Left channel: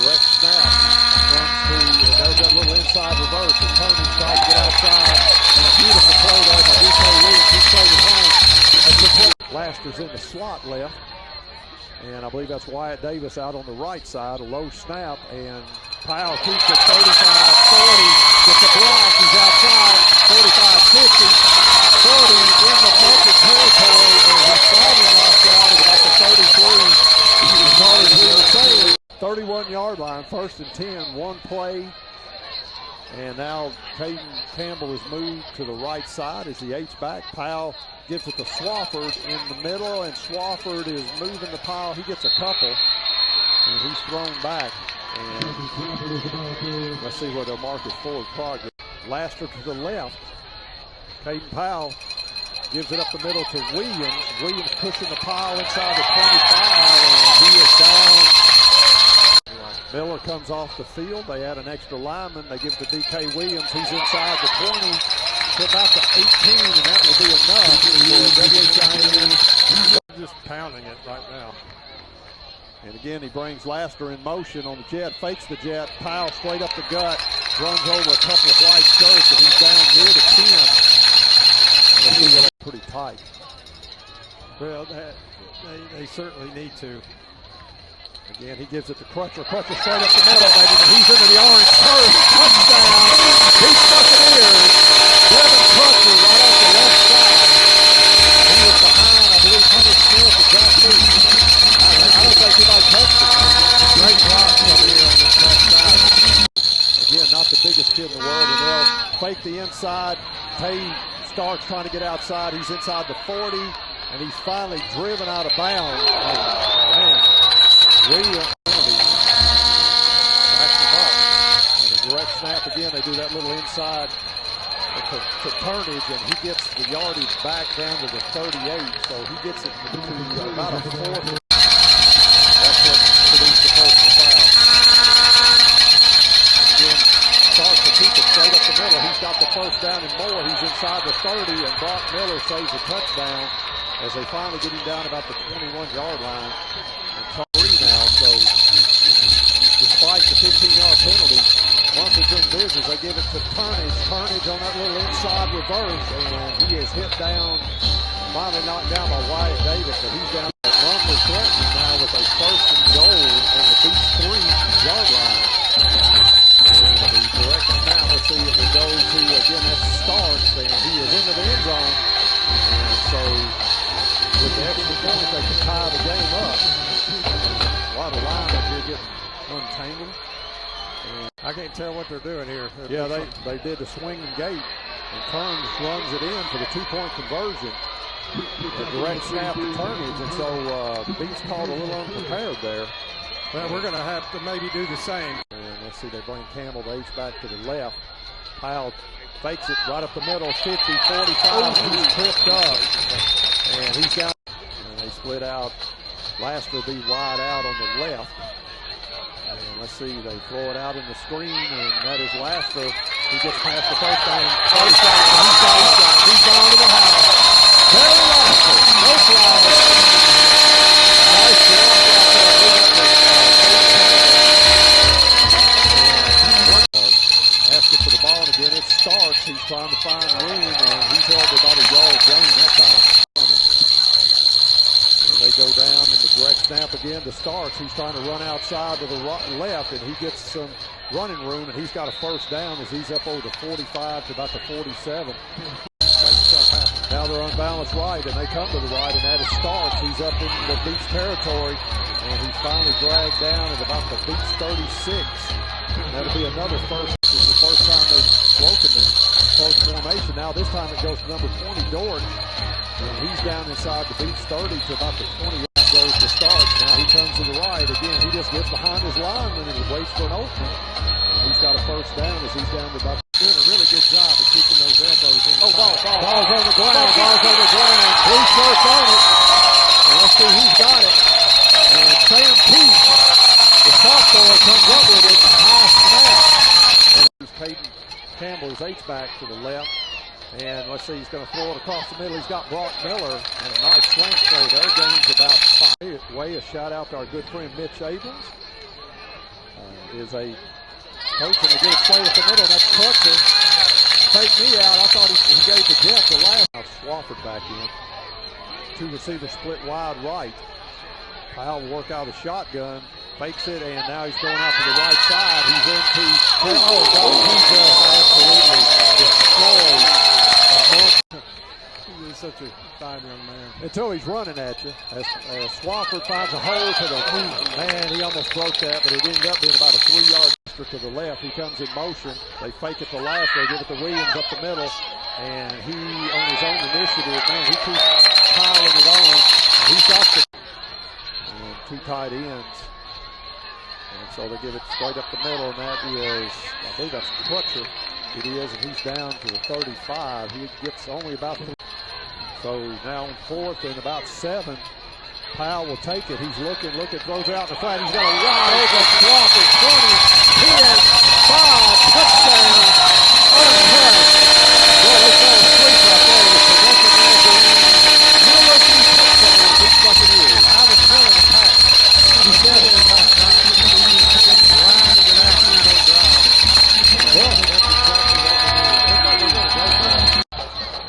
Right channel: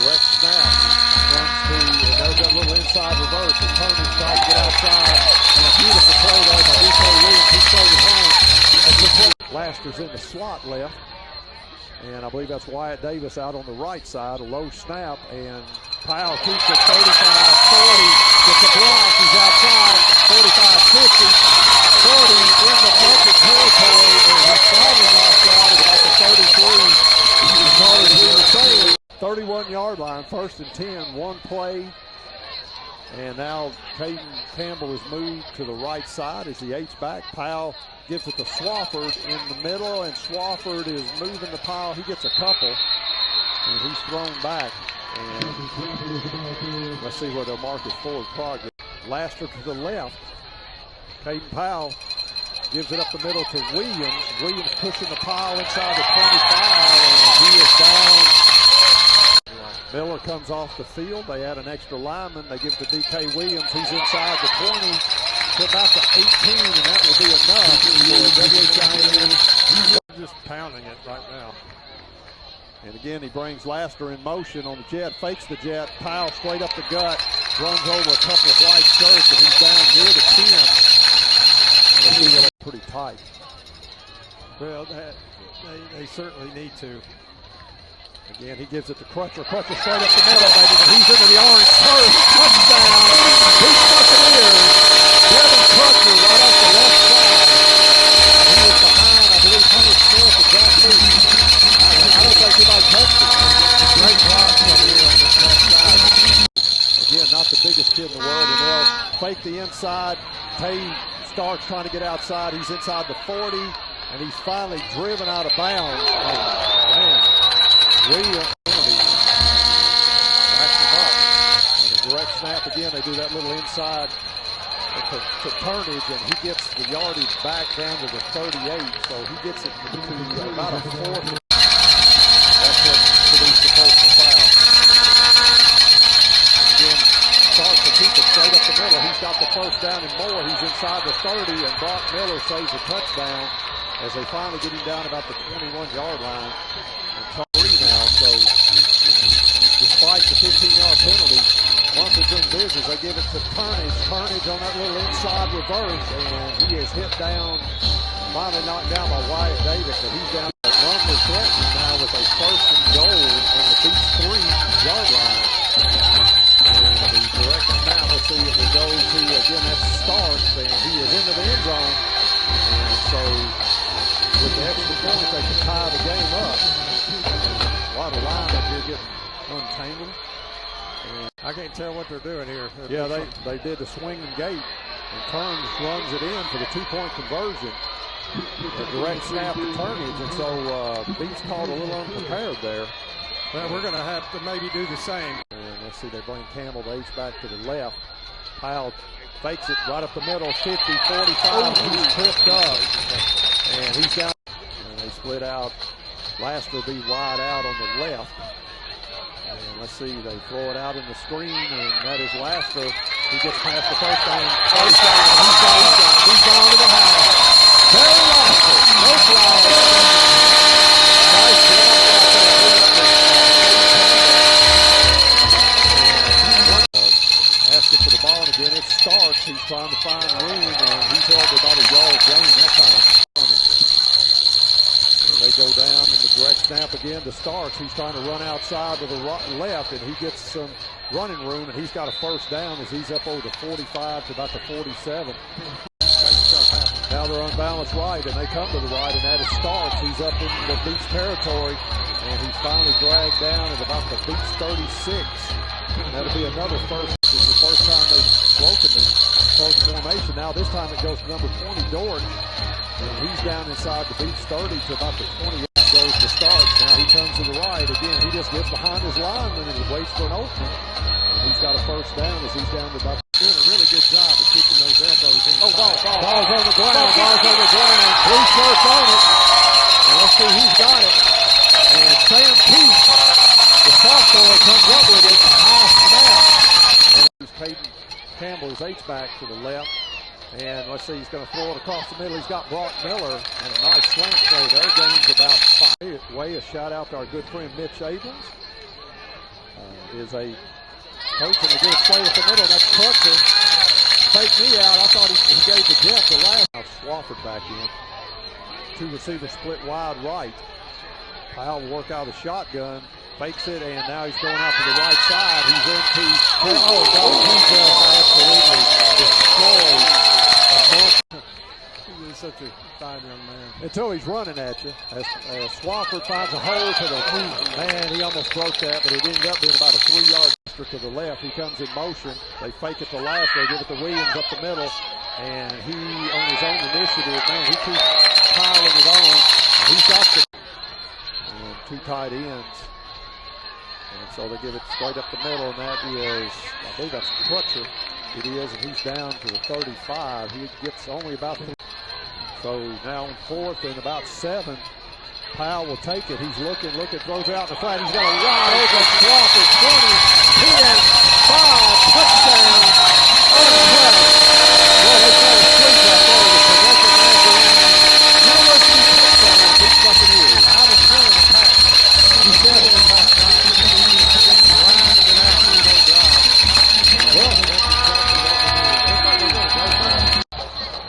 direct snap. There's that little inside reverse. The Turnage tries to get outside. And a beautiful play there by DK Williams. He played it home. Laster's in the slot left. And I believe that's Wyatt Davis out on the right side. A low snap. And Powell keeps it 35-40. Gets a block. He's outside. 45-50. 40 in the Munford territory. And he's finally knocked out at about the 33. As we were saying. 31-yard line, 1st and 10, one play. And now Caden Campbell is moved to the right side as the H-back. Powell gives it to Swafford in the middle, and Swafford is moving the pile. He gets a couple, and he's thrown back. And let's see where they'll mark his forward progress. Laster to the left. Caden Powell gives it up the middle to Williams. Williams pushing the pile inside the 25, and he is down. Miller comes off the field. They add an extra lineman. They give it to DK Williams. He's inside the 20 to about the 18, and that will be enough for WHIN. Just pounding it right now. And again, he brings Laster in motion on the jet, fakes the jet. Powell straight up the gut, runs over a couple of white shirts, and he's down near the 10. And they're pretty tight. Well, they certainly need to. Again, he gives it to Crutcher. Crutcher straight up the middle, baby. He's into the orange turf. Touchdown. Beech Buccaneers. Devin Crutcher right off the left side. He was behind, I believe, Hunter Smith and Jack Beech. I don't think anybody touched it. Great block over here on this left side. Again, not the biggest kid in the world, and they'll fake the inside. Tay Starks trying to get outside. He's inside the 40, and he's finally driven out of bounds. Oh, man. Williams backs him up. And a direct snap again. They do that little inside to Turnage, and he gets the yardage back down to the 38. So he gets it to about a 4th. That's what produced the personal foul. Again, starts to keep it straight up the middle. He's got the first down and more. He's inside the 30, and Brock Miller saves a touchdown as they finally get him down about the 21-yard line. Now, so despite the 15-yard penalty, Munford's in business. They give it to Turnage. Turnage on that little inside reverse, and he is hit down, finally knocked down by Wyatt Davis, but he's down. Munford threatening now with a 1st and goal on the Beech 3-yard line. And the direct snap, let's see if it goes to, again, that's Starks, and he is into the end zone. And so with the extra points, they can tie the game up. A lot of line up here getting untangled. And I can't tell what they're doing here. Yeah, they did the swing and gate, and Turns runs it in for the 2-point conversion. A direct snap to Turnage, and so Beech called a little unprepared there. Well, we're going to have to maybe do the same. And let's see, they bring Campbell the H-back to the left. Powell fakes it right up the middle, 50, 45, he's tripped up, and he's down. And they split out. Laster will be wide out on the left. And let's see, they throw it out in the screen, and that is Laster. He gets past the first down. He's gone to the house. Barry Laster, no flag. Nice block out there. Asking for the ball, and again, it's Starks. He's trying to find room, and he's held about a yard gain that time. They go down in the direct snap again to Starks. He's trying to run outside to the left, and he gets some running room, and he's got a 1st down as he's up over the 45 to about the 47. Now they're unbalanced right, and they come to the right, and that is Starks. He's up in the Beech territory, and he's finally dragged down at about the Beech 36. That'll be another 1st. It's the first time they've broken the close formation. Now this time it goes to number 20, Dortch. And he's down inside the Beech 30 to about the 28, goes to Starks. Now he comes to the right. Again, he just gets behind his lineman and he waits for an opening. And he's got a 1st down as he's down to about. Doing a really good job of keeping those elbows in. Oh, ball's on the ground. Ball's on the ground. Three shirts on it. And let's see who's got it. And Sam Peach, the sophomore, comes up with it. High snap. And it's Caden Campbell's H-back to the left. And let's see, he's going to throw it across the middle. He's got Brock Miller and a nice slant play there. Gains about 5. Way a shout out to our good friend Mitch Abrams. is a coach, and they get it straight up the middle. That's Crutcher. Fake me out. I thought he gave the Jeff the last. Now Swafford back in. Two receivers split wide right. Powell will work out a shotgun. Fakes it, and now he's going out to the right side. He's into. Oh, God, he just absolutely destroyed. He's such a fine young man. Until he's running at you. As Swafford finds a hole to the man, he almost broke that, but it ended up being about a 3-yard to the left. He comes in motion. They fake it to last. They give it to Williams up the middle, and he, on his own initiative, man, he keeps piling it on. And he's got the and two tight ends. And so they give it straight up the middle, and that is, I believe that's Crutcher. It is, and he's down to the 35. He gets only about 3. So now on 4th and about 7. Powell will take it. He's looking, throws out in the flat. He's got a wide open swap at 20, 10, 5, touchdown, untouched. Boy, they fell asleep right there with Progressive Magazine. University touchdown, Beech Buccaneers. I was feeling the pass. He said it in pass. Just grinding it out. Well, that's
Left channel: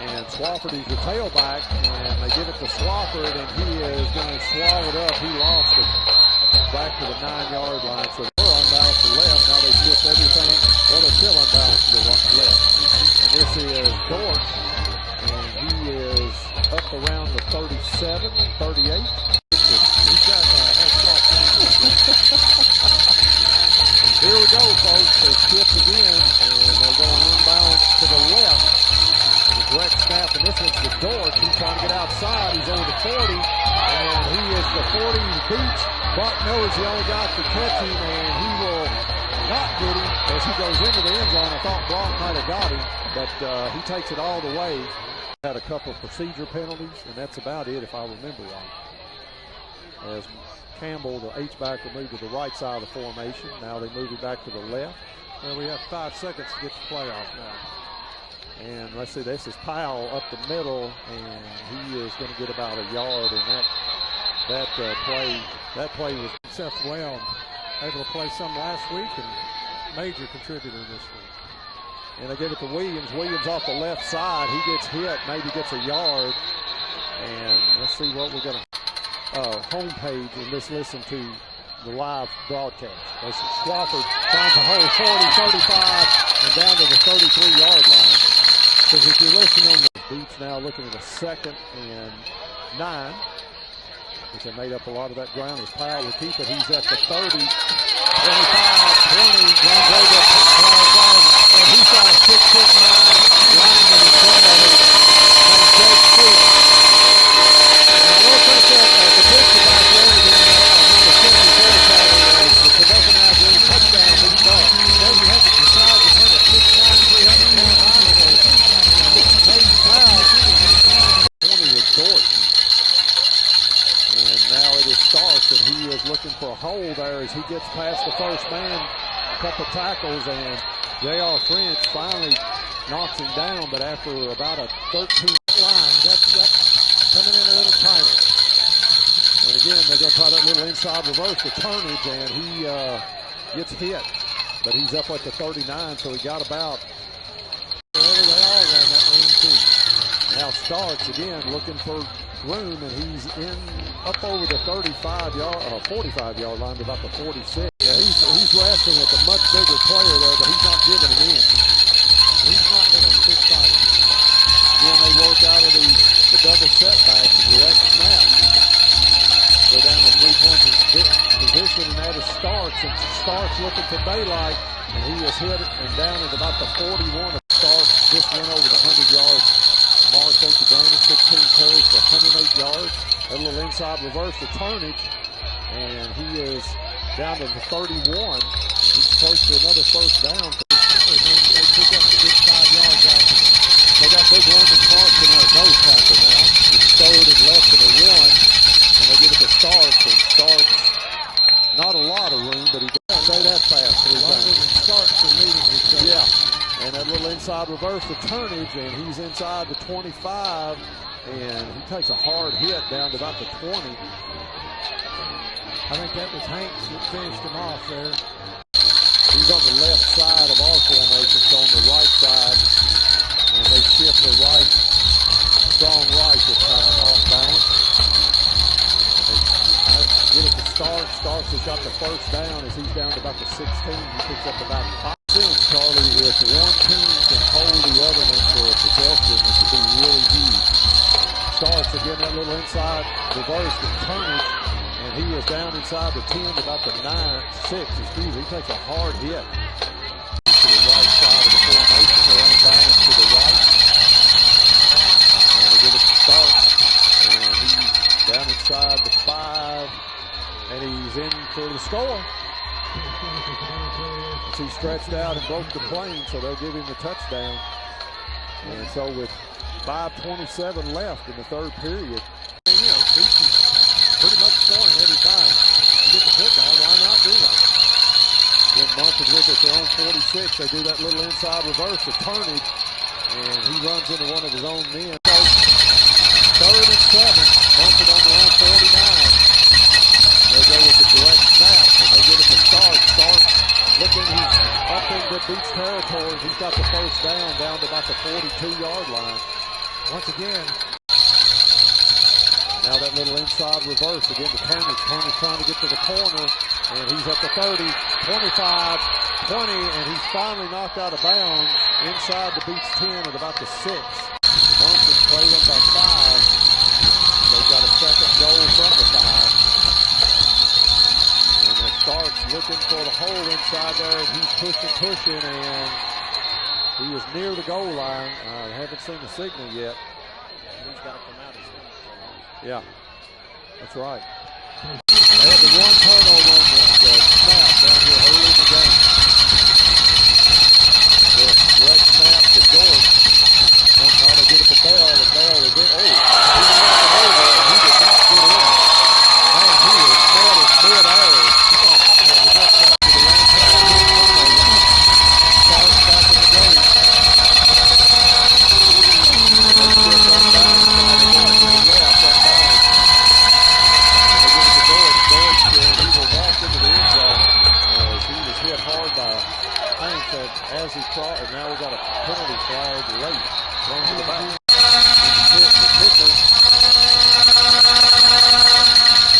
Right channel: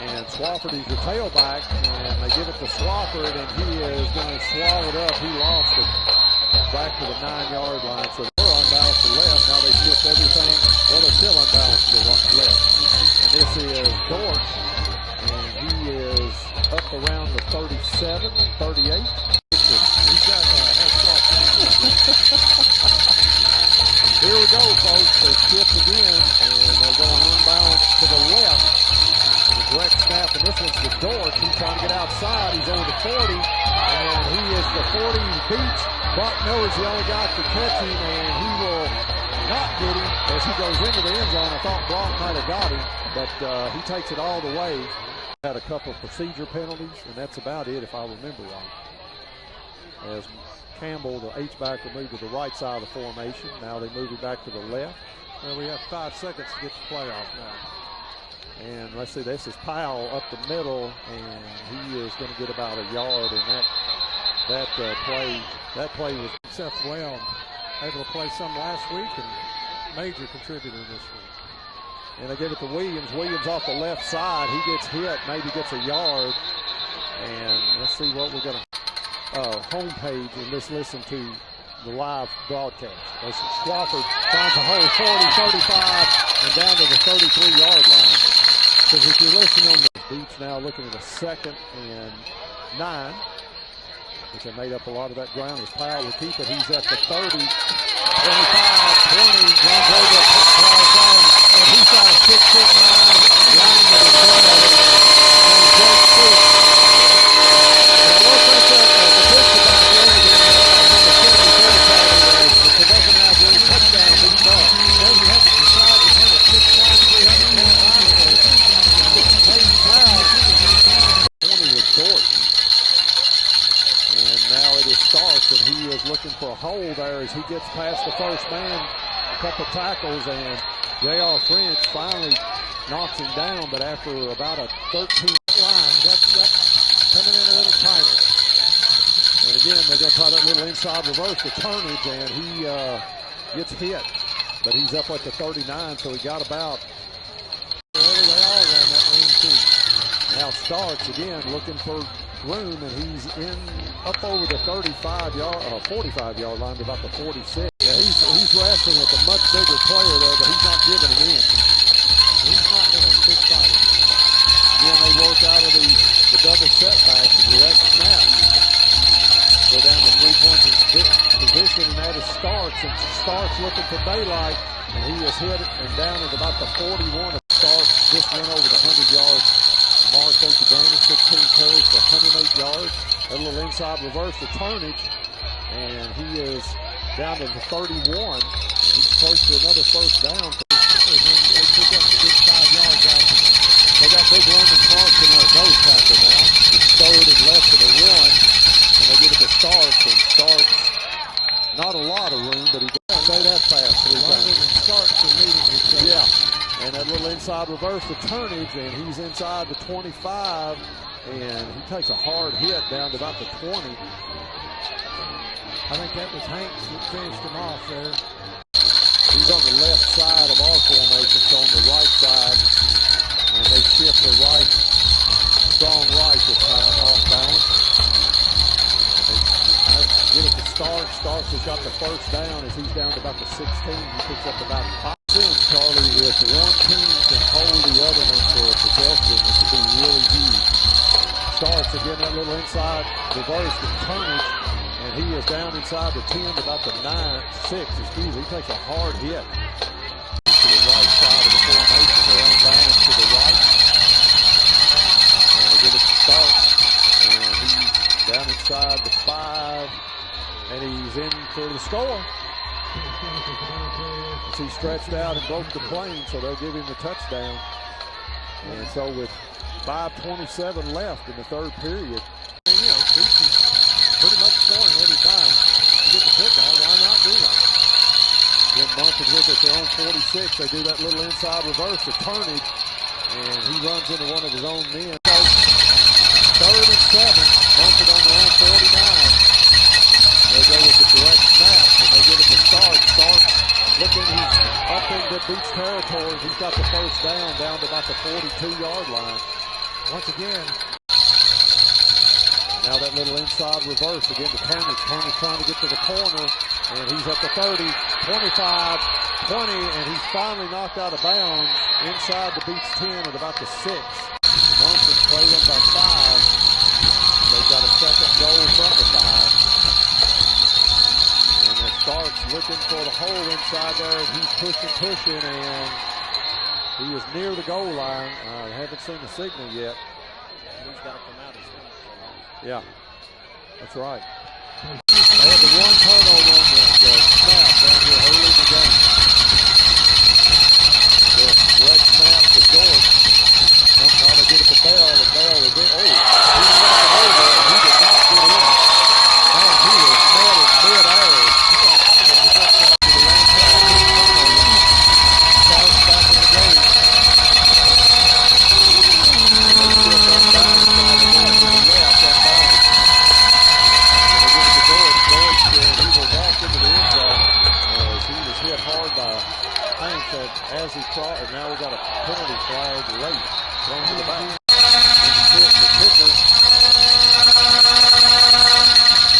and Swafford, he's the tailback, and they give it to Swafford, and he is going to swallow it up. He lost it back to the 9-yard line. So they're unbalanced to the left. Now they shift everything. Well, they're still unbalanced to the left. And this is Dort, and he is up around the 37, 38. He's got a head start. Here we go, folks. They shift again, and they're going unbalanced to the left. Direct snap, and this one's the Dort. He's trying to get outside. He's over the 40, and he is the 40 Beech. Brock Miller's the only guy to catch him, and he will not get him as he goes into the end zone. I thought Brock might have got him, but he takes it all the way. Had a couple of procedure penalties, and that's about it if I remember right. As Campbell, the H-back, will move to the right side of the formation. Now they move it back to the left. Well, we have 5 seconds to get the playoff now. And let's see, this is Powell up the middle, and he is going to get about a yard. And that play was Seth well, able to play some last week and major contributor this week. And they give it to Williams. Williams off the left side. He gets hit, maybe gets a yard. And let's see what we're going to homepage and let's listen to the live broadcast. As Swafford finds a hole 40, 35, and down to the 33-yard line. Because if you're listening on the Beech now looking at a 2nd and 9, which they made up a lot of that ground, as Powell will keep it. He's at the 30, 25, 20, runs over the flag, and he's got a 6'9" lineman in front of him named Jake Fuchs. And I don't think that the picture back there is number 74 pattern as the Progressive Magazine touchdown leads up. Well, you have to decide between a 6'9", 300 20 with Dort. And now it is Starks, and he is looking for a hole there as he gets past the first man, a couple tackles, and J.R. French finally knocks him down, but after about a 13 line, that's coming in a little tighter. And again, they're going to try that little inside reverse to turnage, and he gets hit, but he's up at the 39, so he got about. They all ran that room too. Now Starks again looking for room, and he's in up over the 45-yard line to about the 46. Yeah, he's wrestling with a much bigger player there, but he's not giving him in. He's not going to stick by him. Again, they work out of the double setback, the direct snap. Go down the 3-point position, and that is Starks. And Starks looking for daylight, and he is hit and down at about the 41. Starks just went over the 100-yard mark. Thank you, Danny. 16 carries for 108 yards. A little inside reverse to turnage, and he is down to the 31. He's close to another first down. And then they pick up a good 5 yards out of it. They got big Roman Clark in their nose tackle now. It's 3rd and less than a 1. And they give it to Starks, and Starks, not a lot of room, but he can say that fast 3 times. And Starks are meeting each other. Yeah. And that little inside reverse to turnage, and he's inside the 25, and he takes a hard hit down to about the 20. I think that was Hanks that finished him off there. He's on the left side of our formation, so on the right side. And they shift the right, strong right this time, off balance. And they get it to Starks. Starks has got the first down as he's down to about the 16. He picks up about 5 cents, Charlie. If one team can hold the other one for a possession, it could be really huge. Starks again, that little inside reverse with turnage. And he is down inside the 10 to about the 9-6. Excuse me. He takes a hard hit to the right side of the formation. They're on balance to the right. And they give it to Starks. And he's down inside the 5. And he's in for the score. As he stretched out and broke the plane, so they'll give him the touchdown. And so with 5:27 left in the third period. And, you know, Beech is pretty much scoring every time you get the football. Why not do that? Then Munford with it, they're on 46. They do that little inside reverse, the turnage, and he runs into one of his own men. So, 3rd and 7, Munford on their own 49. They go with the direct snap, and they give it to Stark. Stark looking, he's up into Beech territory. He's got the first down to about the 42-yard line. Once again, now that little inside reverse, again to Turnage. Turnage trying to get to the corner, and he's at the 30, 25, 20, and he's finally knocked out of bounds inside the Beech 10 at about the 6. Munford trailing by 5. They've got a second goal from the 5. And it starts looking for the hole inside there, and he's pushing, and he is near the goal line. I haven't seen the signal yet. he's got to come out as well. Yeah, that's right. They had the one turnover on the snap down here early in the game. The direct snap to George. Somehow they get it to Bell. The Bell is in. Oh, he knocked him over, and he did not get in. Man, he is mad in mid-air. Starts back in the game. Hit hard by Hanks as he crossed, and now we've got a penalty flag late thrown to the back. And the kicker.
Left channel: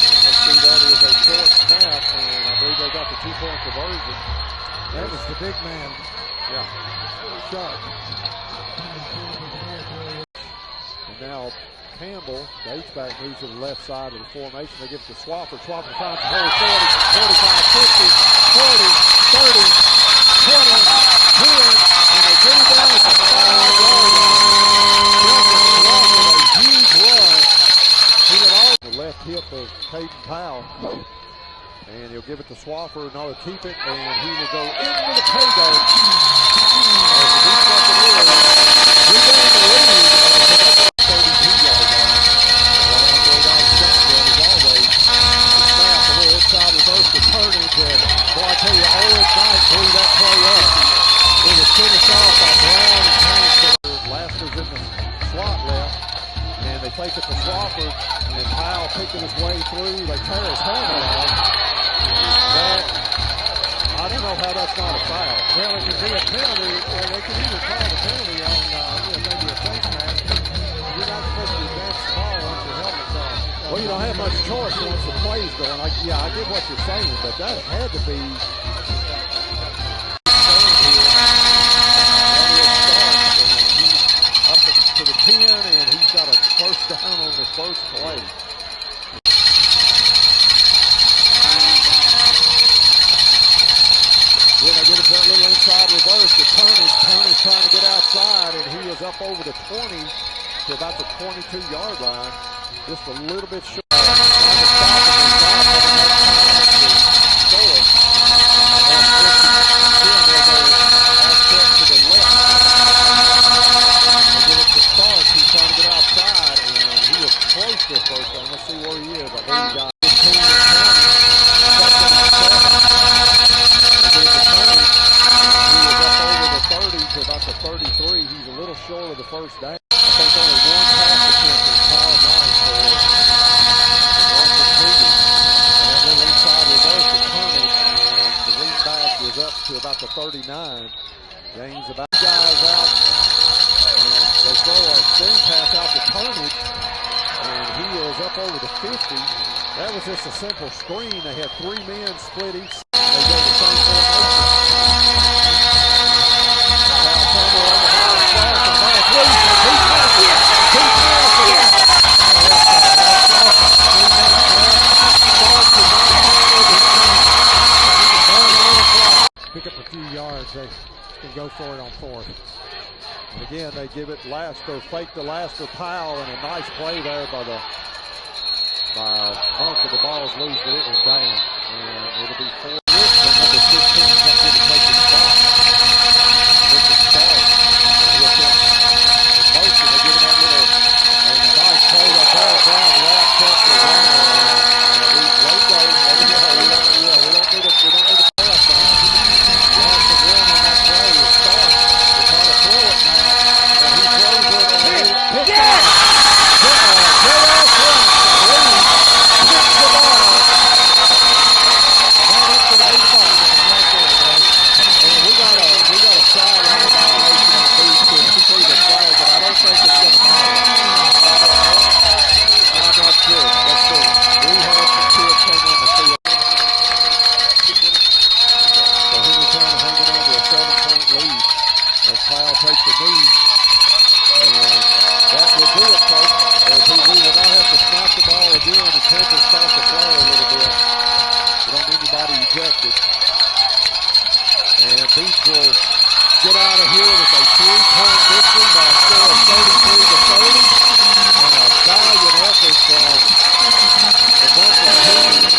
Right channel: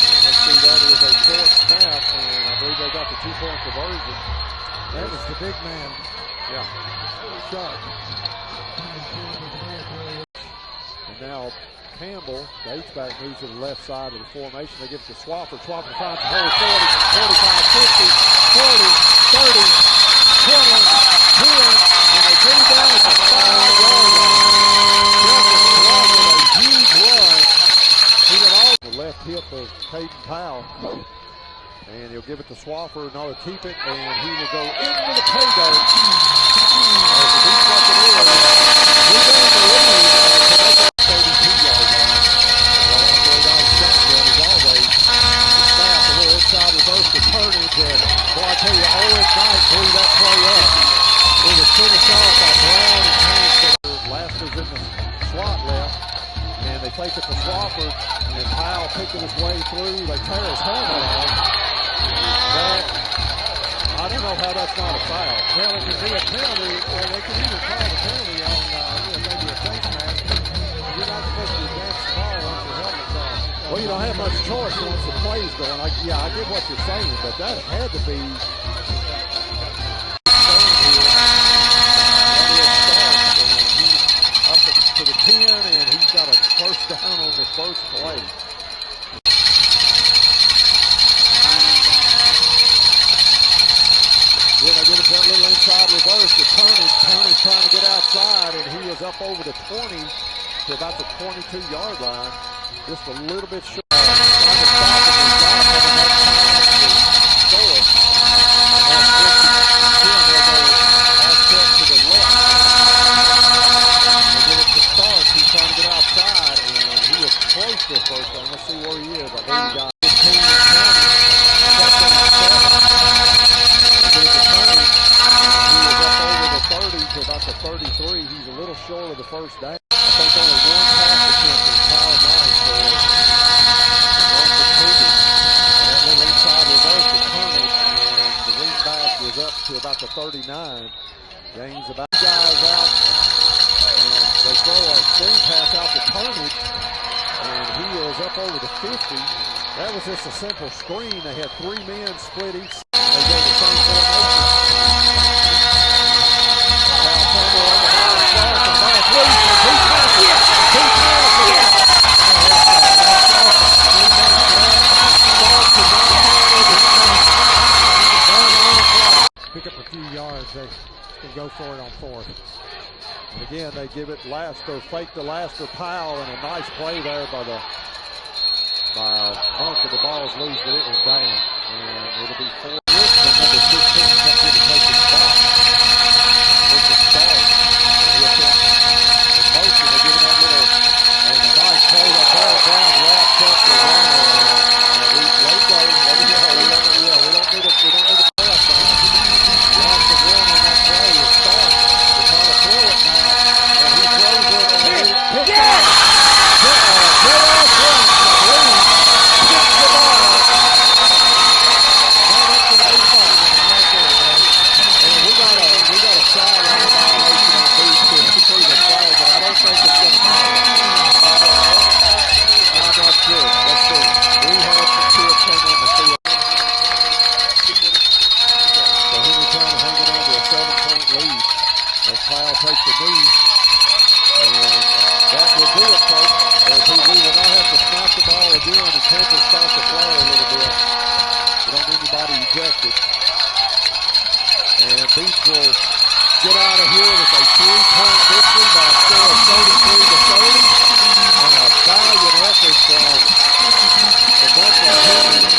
And let's see, that is a short snap, and I believe they got the 2-point conversion. That was the big man. Yeah. Sharp. And now Campbell, the H-back, moves to the left side of the formation. They give it to Swafford. Swafford finds the hole 40, 45, 50, 40, 30, 20, 10, and they get him down at the 5-yard line. Justin Swafford, a huge run. He got all the left hip of Caden Powell. And he'll give it to Swafford, and he'll keep it, and he will go into the pay dirt. As the Beech Buccaneers regain the lead at the 32-yard line. Well, I'm going down shotgun as always. The snap, a little inside reverse to Turnage, and boy, I tell you, Owen Knight blew that play up. It was finished off by Brown and Hanks. Laster's in the slot left, and they take it to Swafford, and Powell picking his way through. They tear his helmet off. That, I don't know how that's not a foul. Well, it could be a penalty, or they could even call the penalty on maybe a face mask. You're not supposed to advance the ball once your helmet's off. Well, you don't have much choice once the play's going. I get what you're saying, but that had to be. He's up to the 10, and he's got a first down on the first play. Then I get it that little inside reverse to Turnage. Turnage trying to get outside, and he is up over the 20 to about the 22-yard line. Just a little bit short. Trying to stop him and not having enough time to score. And they'll go offset to the left. They get it to Stark. He's trying to get outside, and he is close to the first down. Let's see where he is. I believe he got 15 and counting. Second and 7. To about the 33. He's a little short of the first down. I think only one pass attempt is Kyle Knight for Munford. And that little inside reverse to Turnage, and the wing back is up up to about the 39. Gains about guys out, and they throw a screen pass out to Turnage, and he is up over the 50. That was just a simple screen. They had 3 men split each side. They go the same formation. Now Turner on the high cross, and Mike Wilson, he passes it. He passes it. Pick up a few yards, they can go for it on 4th. And again, they give it Laster, fake the Laster Powell, and a nice play there by Munford. The ball's loose, but it was down. And it'll be 4. Number 15 comes in to take the spot. With the start. With them in motion, they're giving that little, and a nice play that ball down, wrapped up the runner. And we let it go. We don't need a pass down. Lost the run on that play. The start. They try to throw it now. And he throws it. And he picks it up. J.R. Prince, I believe, picks the ball. Right up to the 8 ball. And we got a sideline violation on Beech to see the flag, but I don't think it's going to matter. I'm not sure. Let's see. We have some kids came on the field. So Henry trying to hang it on to a 7-point lead. As Powell takes the knee. And that will do it, folks. As we will not have to snap the ball again and Temple starts to play a little bit. We don't need anybody ejected. And Beech will get out of here with a 3-point victory by a score of 33-30. And a valiant effort from the Munford team.